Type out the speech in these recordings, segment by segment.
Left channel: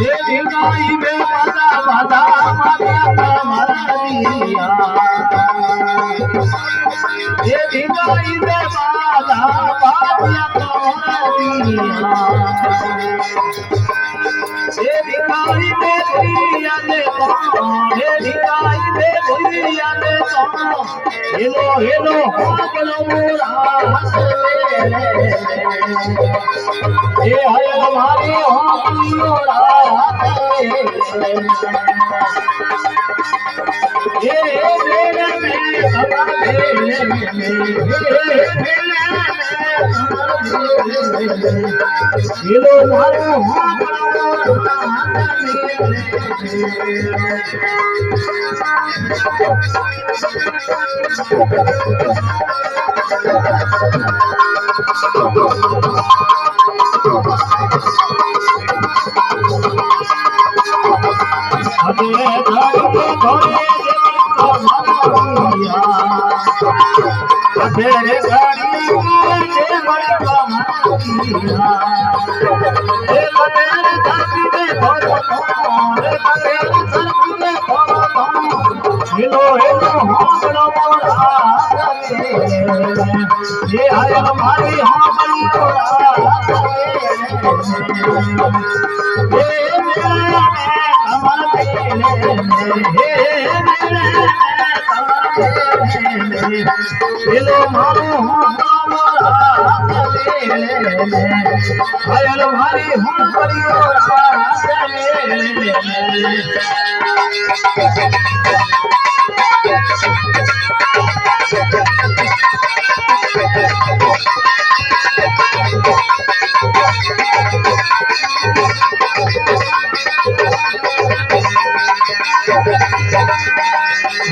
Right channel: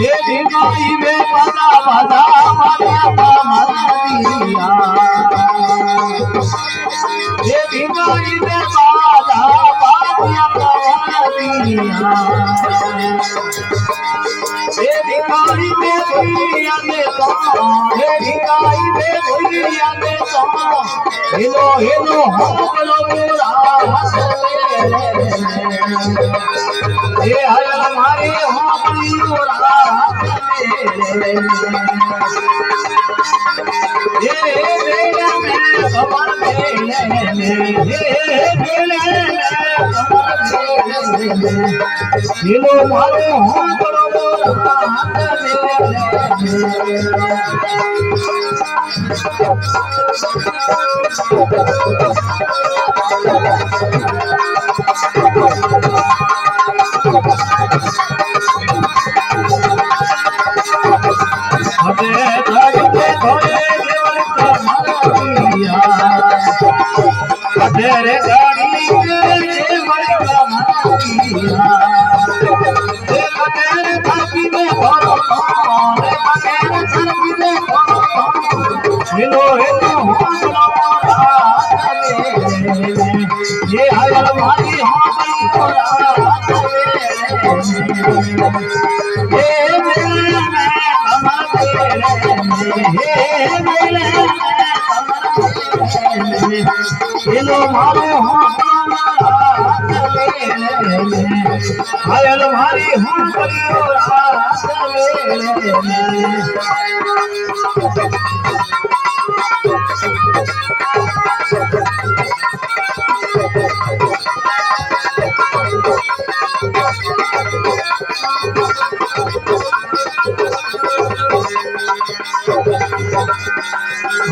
ये दिखाई में बाधा बाधा मारिया कमरिया ये दिखाई में बाधा मारिया कमरिया ये दिखाई में दुनिया ने तो ये दिखाई में दुनिया ने तो हेलो हेलो हो बोलो मोरा ये हयल हमारी हो ये मेरे में खबर हेलो मारो हो बड़ो अबे धड़के धड़े देवर का मारिया तेरे गाड़ी के देवर का मारिया ए तेरे धरती में भरो रे तेरे धरती में भरो हेलो हेलो हमरा ये आया हमारी हमारी ये मेरा हेलो मारो हमारा भारी हम परिवार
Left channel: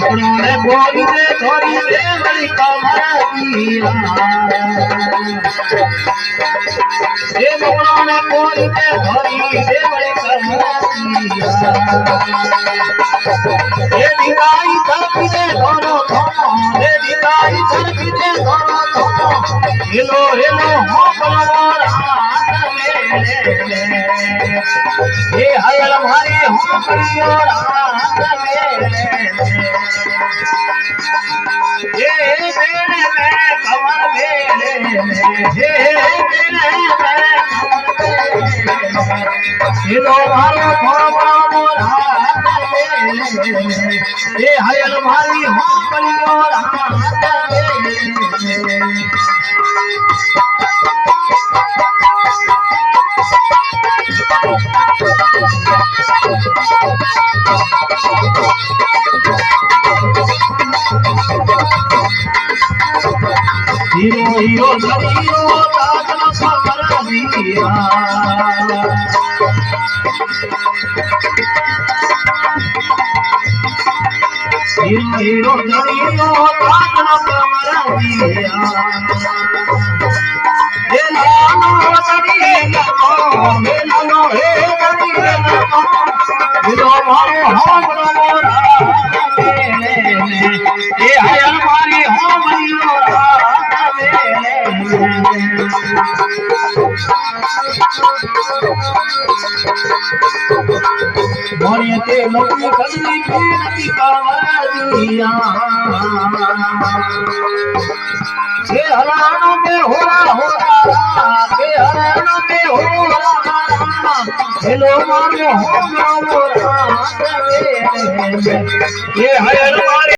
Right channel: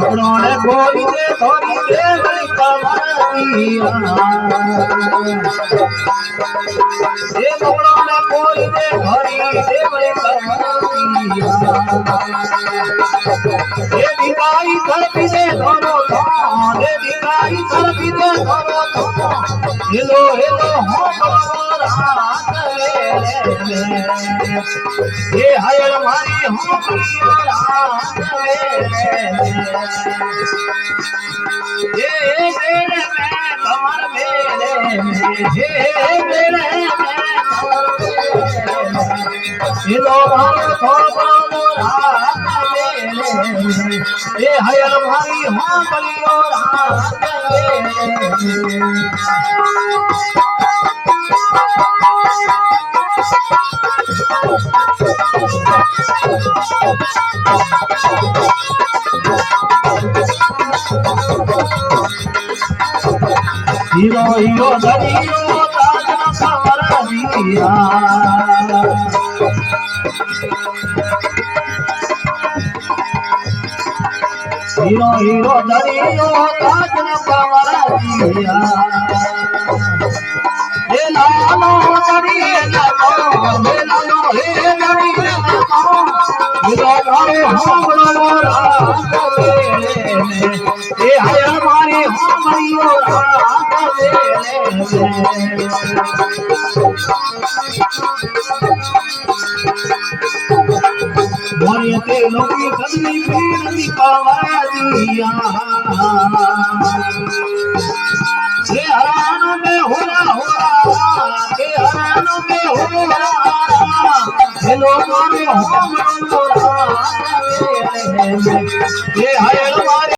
उन्होंने गोरी से थोड़ी देवरी कमारिया ये उन्होंने गोरी से थोड़ी देवरी कमारिया ये दिखाई धरती से दोनों ये दिखाई धरती से दोनों हेलो हेलो हो बलवारा ये हयल हमारी हो परियोरा ये मेरे में कमर मेरे ये मेरे में कमर ये दोबारा थोड़ा मोरा ये हयल हमारी हो परियोरा हीरो हीरो धरीरो काजल सवर दिया हीरो हीरो धरीरो काजल सवर दिया हे लालो करिए लालो हे लालो हे करिए लालो हीरो मारो हम मोरा ये है हमारी हम परियोरा मोरे के लोगी कदली पीरती कावरिया ये हरान में होरा ये हरान में होरा हेलो मारो हम मोरा ये है हमारी